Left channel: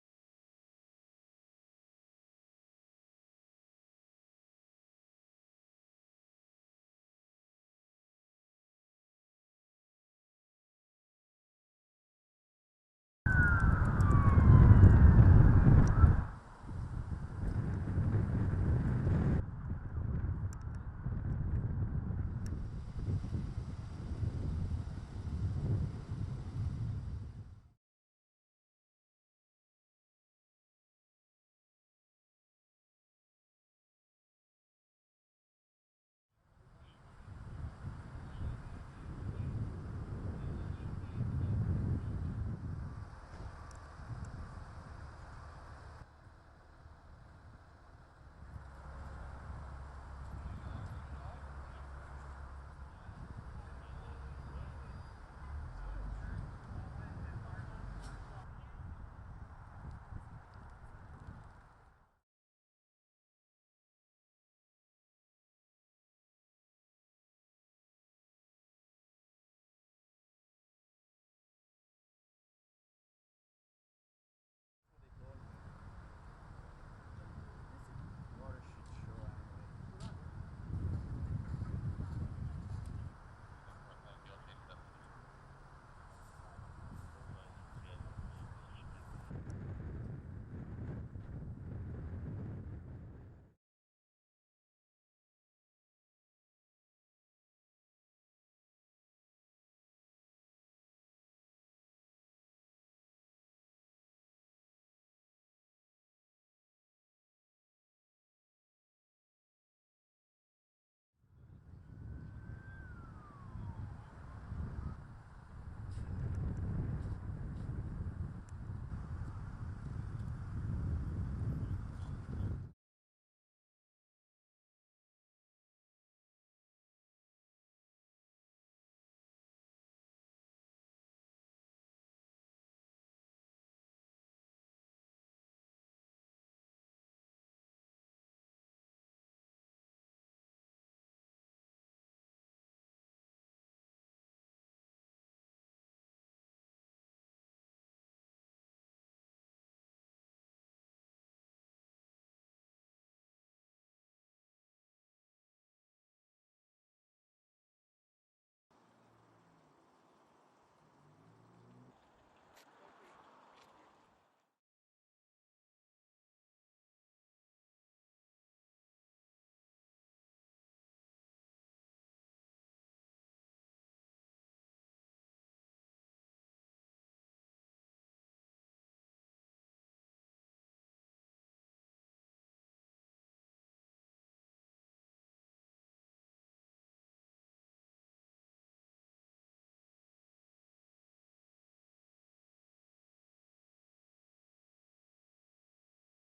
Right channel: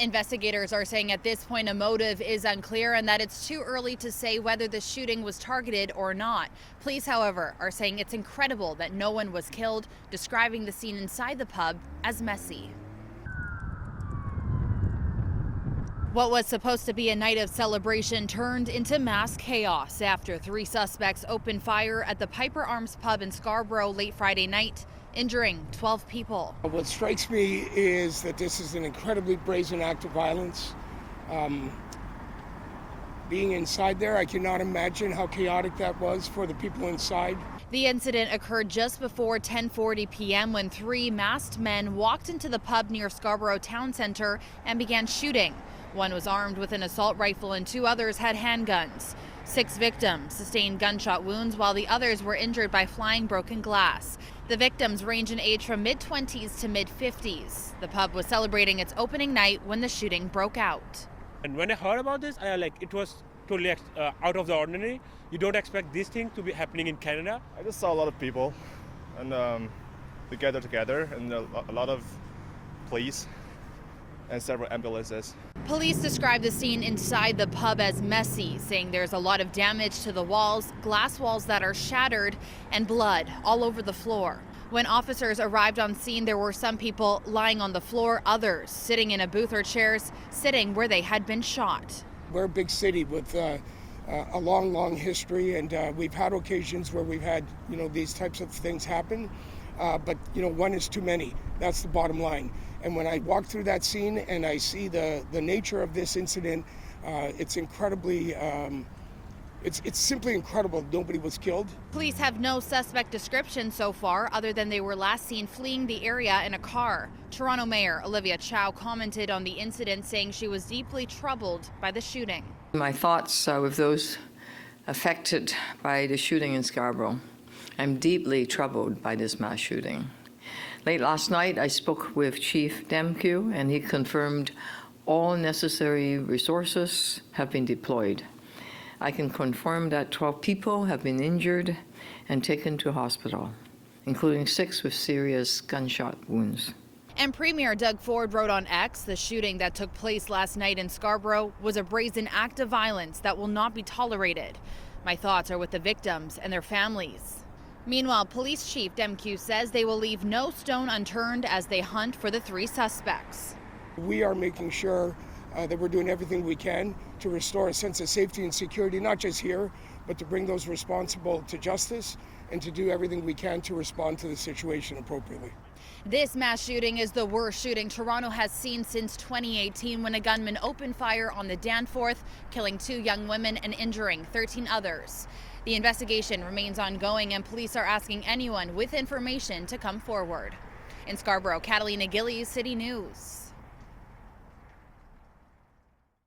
Investigators are saying at this point a motive is unclear and that it's too early to say whether the shooting was targeted or not. Police, however, are saying it's incredible that no one was killed, describing the scene inside the pub as messy. What was supposed to be a night of celebration turned into mass chaos after 3 suspects opened fire at the Piper Arms pub in Scarborough late Friday night, injuring 12 people. What strikes me is that this is an incredibly brazen act of violence. Being inside there, I cannot imagine how chaotic that was for the people inside. The incident occurred just before 10:40 p.m. when 3 masked men walked into the pub near Scarborough Town Centre and began shooting. One was armed with an assault rifle and 2 others had handguns. 6 victims sustained gunshot wounds while the others were injured by flying broken glass. The victims range in age from mid-20s to mid-50s. The pub was celebrating its opening night when the shooting broke out. And when I heard about this, it was totally out of the ordinary. You don't expect this thing to be happening in Canada. I just saw a lot of people and they gathered together and a lot of police and several ambulances. Police describe the scene inside the pub as messy, saying there's a lot of damage to the walls, glass walls that are shattered, and blood all over the floor. When officers arrived on scene, there were some people lying on the floor, others sitting in a booth or chairs, sitting where they had been shot. We're a big city with a long history, and we've had occasions where we've had, these types of things happen. But, one is too many. That's the bottom line. And when I walk through that scene and I see the nature of this incident, it's incredibly, it's simply incredible nobody was killed. Police have no suspect description so far, other than they were last seen fleeing the area in a car. Toronto Mayor Olivia Chow commented on the incident, saying she was deeply troubled by the shooting. My thoughts are with those affected by the shooting in Scarborough. I'm deeply troubled by this mass shooting. Late last night, I spoke with Chief Demkew, and he confirmed all necessary resources have been deployed. I can confirm that 12 people have been injured and taken to hospital, including 6 with serious gunshot wounds. And Premier Doug Ford wrote on X, the shooting that took place last night in Scarborough was a brazen act of violence that will not be tolerated. My thoughts are with the victims and their families. Meanwhile, Police Chief Demkew says they will leave no stone unturned as they hunt for the 3 suspects. We are making sure that we're doing everything we can to restore a sense of safety and security, not just here, but to bring those responsible to justice and to do everything we can to respond to the situation appropriately. This mass shooting is the worst shooting Toronto has seen since 2018, when a gunman opened fire on the Danforth, killing 2 young women and injuring 13 others. The investigation remains ongoing, and police are asking anyone with information to come forward. In Scarborough, Catalina Gillies, City News.